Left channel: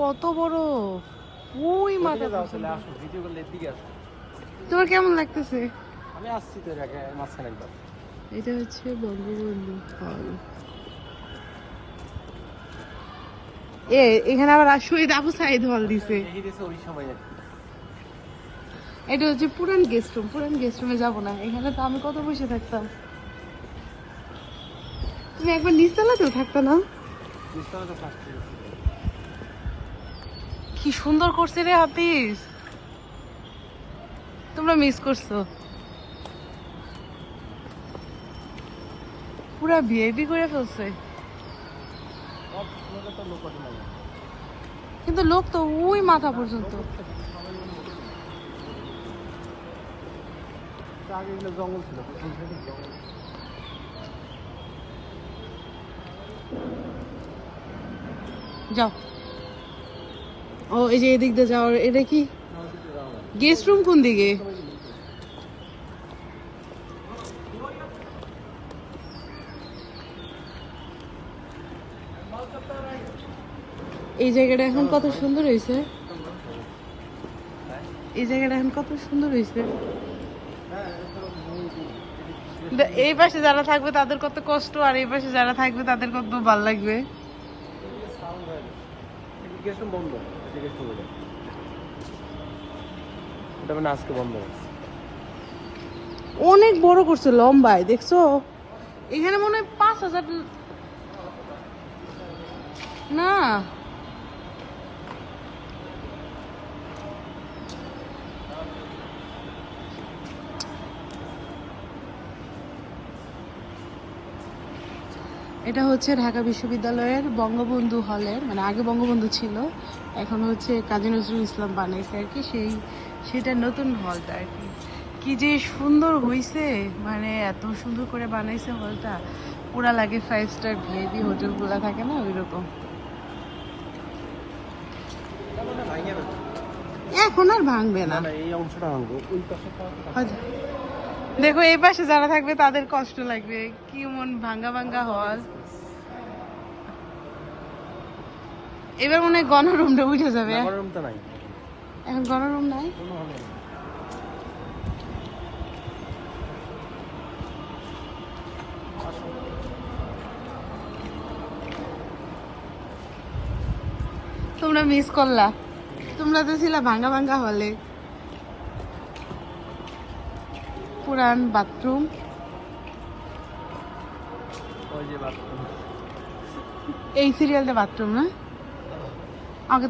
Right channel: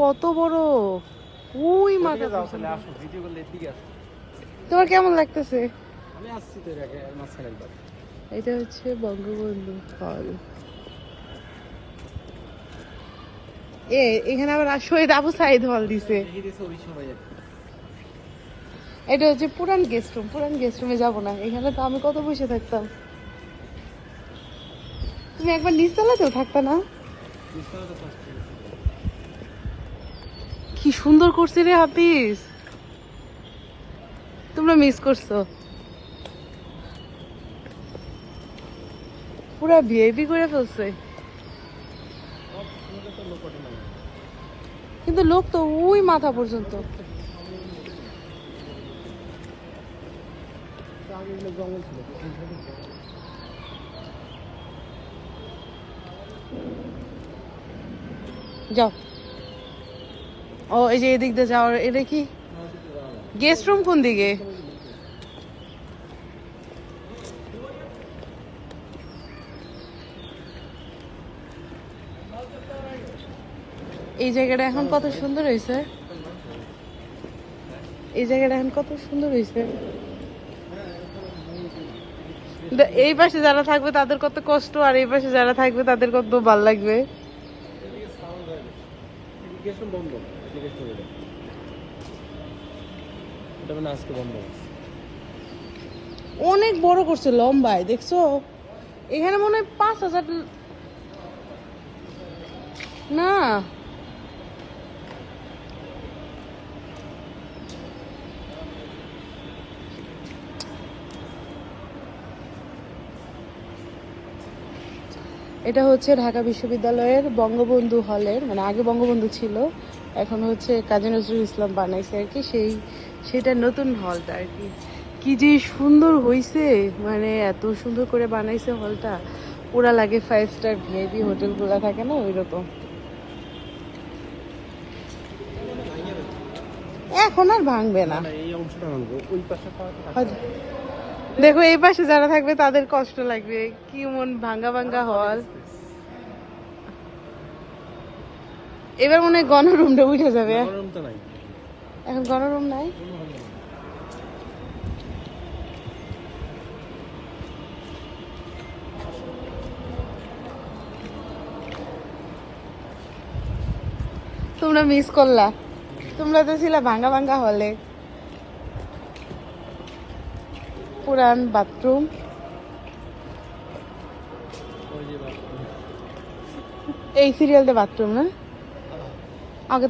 কত বড়? উই যাও তাহলে আসো ভিডিও করলে এদিকে আসো। তোমার কেমন লাগতেছে? আমি আসছি তো আগে মাঝখানে একবার। এটা হচ্ছে বঙ্গবন্ধু হল। এ এখানে আবার শহীদ আবু সাইদ হল দিছে। দিয়েছে ওই সময় এটা হচ্ছে পুরান গেস্ট রুম পুরান গেস্ট রুমে যাব না। এখানে তো আমি কত বসে থাকতাম। তুমি একবার নিচতলাতেও থাকতা না? নিশ্চয়ই তো থাকছে। কি সুন্দর করছে রে হাফিজ? তুমি মিস করছ। পুরা ভিআইপি করে ফেলছে। কিন্তু লোক তো ওই মাথা পর্যন্ত। যাও। ও, এই যে এদিক দিয়ে যাওয়ার, এটা কি? গেস্ট রুম কোন দিকে? এই জায়গাটা এখন কত সুন্দর হয়েছে? এই জায়গাটা এখন কত সুন্দর হয়েছে? এই পাশে যারা থাকবে তাদের কত কষ্ট, আর এই পাশে যারা থাকবে তাদের কত ভালো লাগবে এদিকে সাউন্ড হয় না একটু বন্ধ অ্যাপ্লিকেশন বলে এটা মানে আজকে বন্ধ হয়েছে। অনেক বড় করছে, লম্বায়, দেখছ? এখানে মনে হয় পাঁচ হাজার না। এটা হচ্ছে ঢাকা বিশ্ববিদ্যালয়ের বঙ্গবন্ধু হলের মানে আগে বঙ্গবন্ধু ছিল এখন হচ্ছে কাজী নজরুল ইসলাম বানাইছে আর কি সেই সেটা নতুন হলটা আর কি। কি যে সুন্দর হয়েছে মানে এত সুন্দর করে বানাইছে হলটা। পুরা লাগে ফাইভ স্টার ভিআইপি হোটেলগুলো থাকে না ওইরকম এখন আর ভাঙবে না। এই অংশটা ভাঙবো ওই পাশে। দেখো এই পাশে যারা থাকবে তাদের কষ্ট লাগবে। কি মন ভাঙ্গা ভাঙ্গা হওয়ার এবার মনে হয় গণরুমটা উঠে যাবে। নাই। এখন গণরুম নাই? তোমরা মিস করলা। তোমরা তো ছিল ভাঙ্গা ভাঙ্গা হলে পুরান বাথরুম। এই সিরিয়ালটা বাথরুম না